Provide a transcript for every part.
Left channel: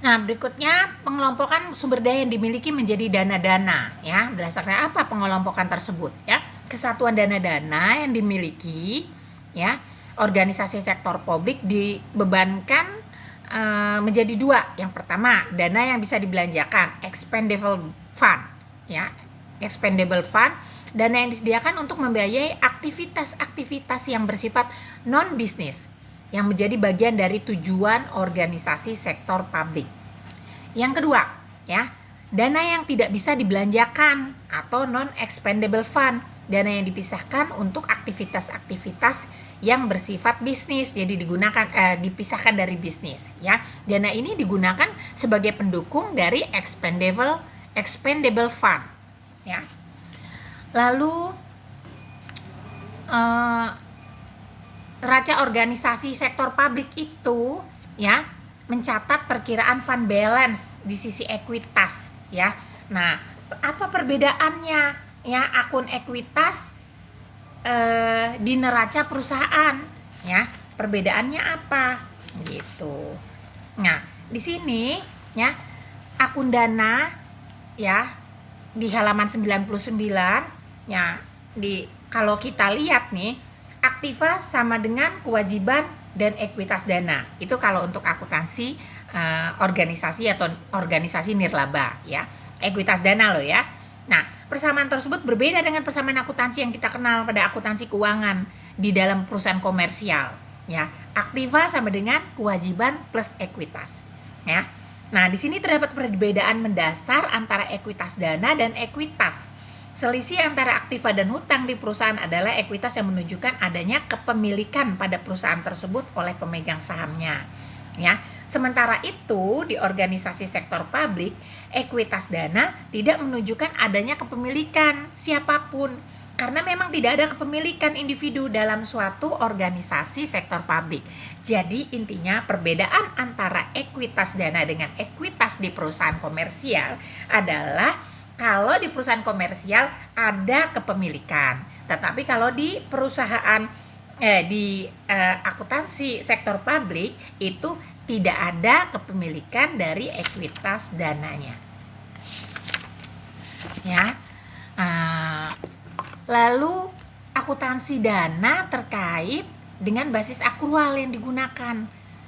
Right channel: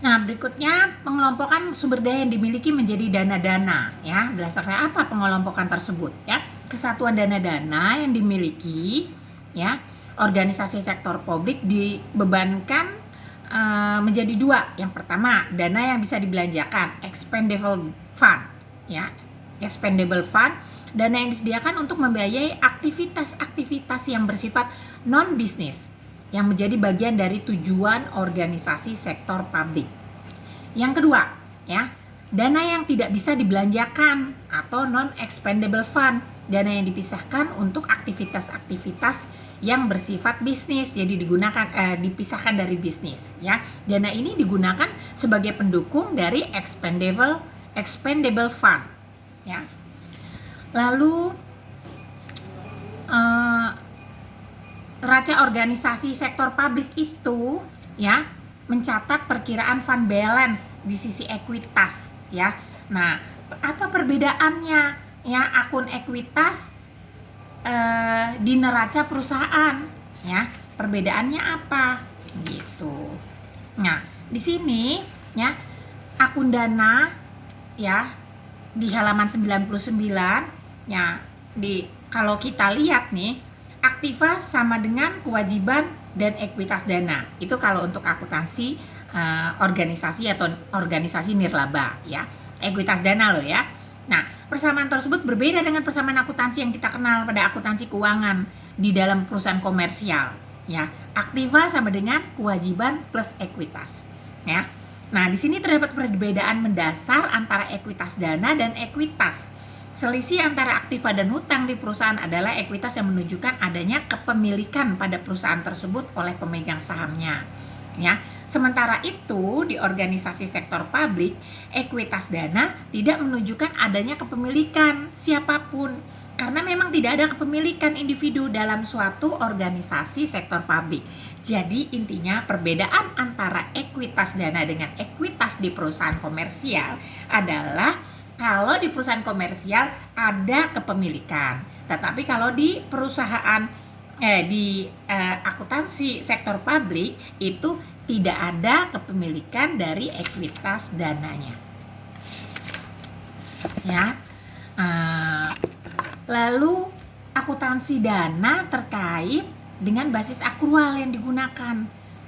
Nah, berikutnya pengelompokan sumber daya yang dimiliki menjadi dana-dana, ya. Berdasarkan apa pengelompokan tersebut, ya? Kesatuan dana-dana yang dimiliki, ya, organisasi sektor publik dibebankan menjadi dua. Yang pertama, dana yang bisa dibelanjakan, expendable fund, ya. Expendable fund, dana yang disediakan untuk membiayai aktivitas-aktivitas yang bersifat non-bisnis, yang menjadi bagian dari tujuan organisasi sektor publik. Yang kedua, ya, dana yang tidak bisa dibelanjakan atau non-expendable fund, dana yang dipisahkan untuk aktivitas-aktivitas yang bersifat bisnis, jadi dipisahkan dari bisnis, ya. Dana ini digunakan sebagai pendukung dari expendable fund, ya. Lalu neraca organisasi sektor publik itu, ya, mencatat perkiraan fund balance di sisi ekuitas, ya. Nah, apa perbedaannya, ya, akun ekuitas di neraca perusahaan, ya? Perbedaannya apa? Gitu. Nah, di sini, ya, akun dana, ya, di halaman 99, ya, kalau kita lihat nih, aktiva sama dengan kewajiban dan ekuitas dana. Itu kalau untuk akuntansi organisasi atau organisasi nirlaba, ya. Ekuitas dana loh, ya. Nah, persamaan tersebut berbeda dengan persamaan akuntansi yang kita kenal pada akuntansi keuangan di dalam perusahaan komersial, ya. Aktiva sama dengan kewajiban plus ekuitas, ya. Nah, di sini terdapat perbedaan mendasar antara ekuitas dana dan ekuitas. Selisih antara aktiva dan hutang di perusahaan adalah ekuitas yang menunjukkan adanya kepemilikan pada perusahaan tersebut oleh pemegang sahamnya, ya. Sementara itu di organisasi sektor publik, ekuitas dana tidak menunjukkan adanya kepemilikan siapapun, karena memang tidak ada kepemilikan individu dalam suatu organisasi sektor publik. Jadi intinya perbedaan antara ekuitas dana dengan ekuitas di perusahaan komersial adalah kalau di perusahaan komersial ada kepemilikan, tetapi kalau di perusahaan akuntansi sektor publik itu tidak ada kepemilikan dari ekuitas dananya, ya. Lalu akuntansi dana terkait dengan basis akrual yang digunakan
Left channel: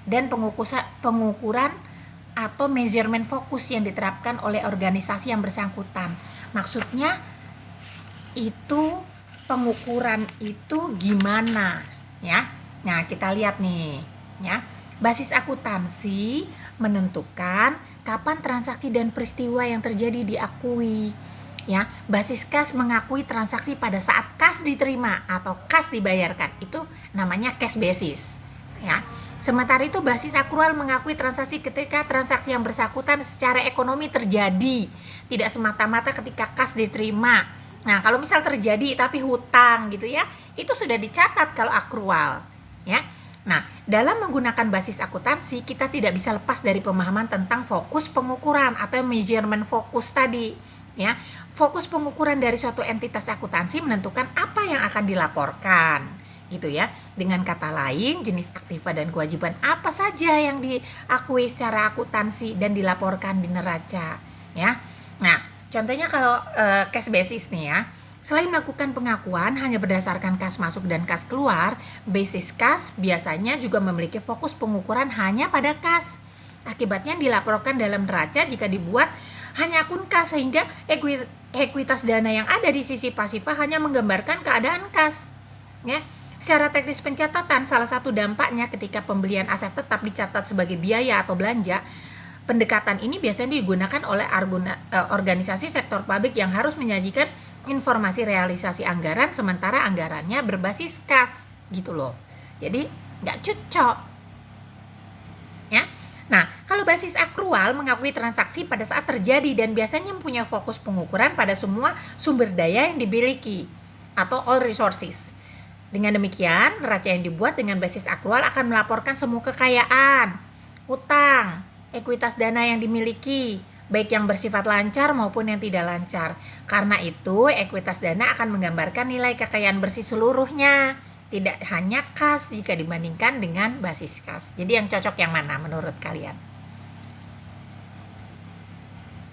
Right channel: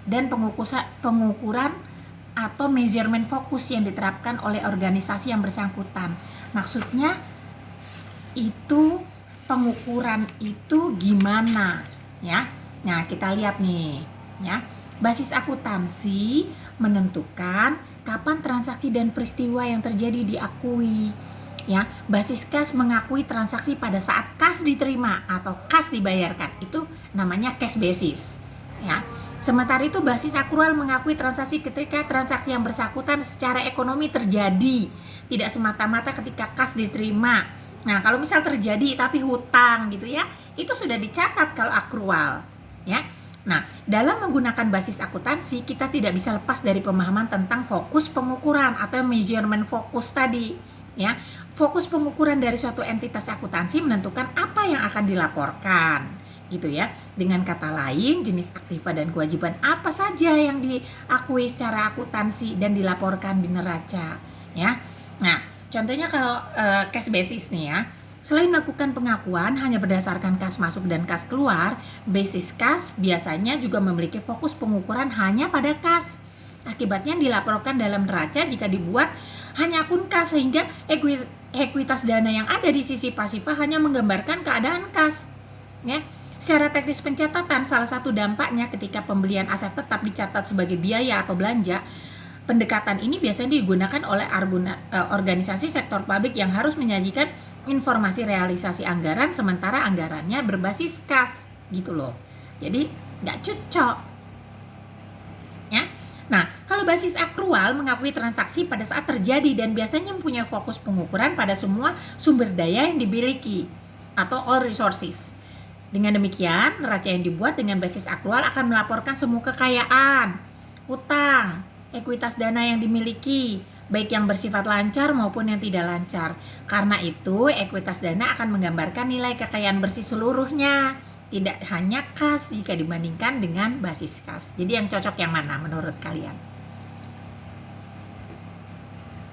dan pengukuran atau measurement fokus yang diterapkan oleh organisasi yang bersangkutan. Maksudnya itu pengukuran itu gimana, ya? Nah, kita lihat nih, ya. Basis akuntansi menentukan kapan transaksi dan peristiwa yang terjadi diakui, ya. Basis kas mengakui transaksi pada saat kas diterima atau kas dibayarkan. Itu namanya cash basis, ya. Sementara itu basis akrual mengakui transaksi ketika transaksi yang bersangkutan secara ekonomi terjadi, tidak semata-mata ketika kas diterima. Nah, kalau misal terjadi tapi hutang gitu, ya, itu sudah dicatat kalau akrual, ya. Nah, dalam menggunakan basis akuntansi, kita tidak bisa lepas dari pemahaman tentang fokus pengukuran atau measurement fokus tadi, ya. Fokus pengukuran dari suatu entitas akuntansi menentukan apa yang akan dilaporkan, gitu, ya. Dengan kata lain, jenis aktiva dan kewajiban apa saja yang diakui secara akuntansi dan dilaporkan di neraca, ya. Nah, contohnya kalau cash basis nih, ya. Selain melakukan pengakuan hanya berdasarkan kas masuk dan kas keluar, basis kas biasanya juga memiliki fokus pengukuran hanya pada kas. Akibatnya dilaporkan dalam neraca jika dibuat hanya akun kas, sehingga ekuitas dana yang ada di sisi pasifa hanya menggambarkan keadaan kas, ya. Secara teknis pencatatan, salah satu dampaknya ketika pembelian aset tetap dicatat sebagai biaya atau belanja. Pendekatan ini biasanya digunakan oleh organisasi sektor publik yang harus menyajikan informasi realisasi anggaran sementara anggarannya berbasis kas, gitu loh. Jadi nggak cocok, ya. Nah, kalau basis akrual mengakui transaksi pada saat terjadi dan biasanya mempunyai fokus pengukuran pada semua sumber daya yang dimiliki atau all resources. Dengan demikian, neraca yang dibuat dengan basis akrual akan melaporkan semua kekayaan, utang, ekuitas dana yang dimiliki, baik yang bersifat lancar maupun yang tidak lancar. Karena itu, ekuitas dana akan menggambarkan nilai kekayaan bersih seluruhnya, tidak hanya kas jika dibandingkan dengan basis kas. Jadi yang cocok yang mana menurut kalian?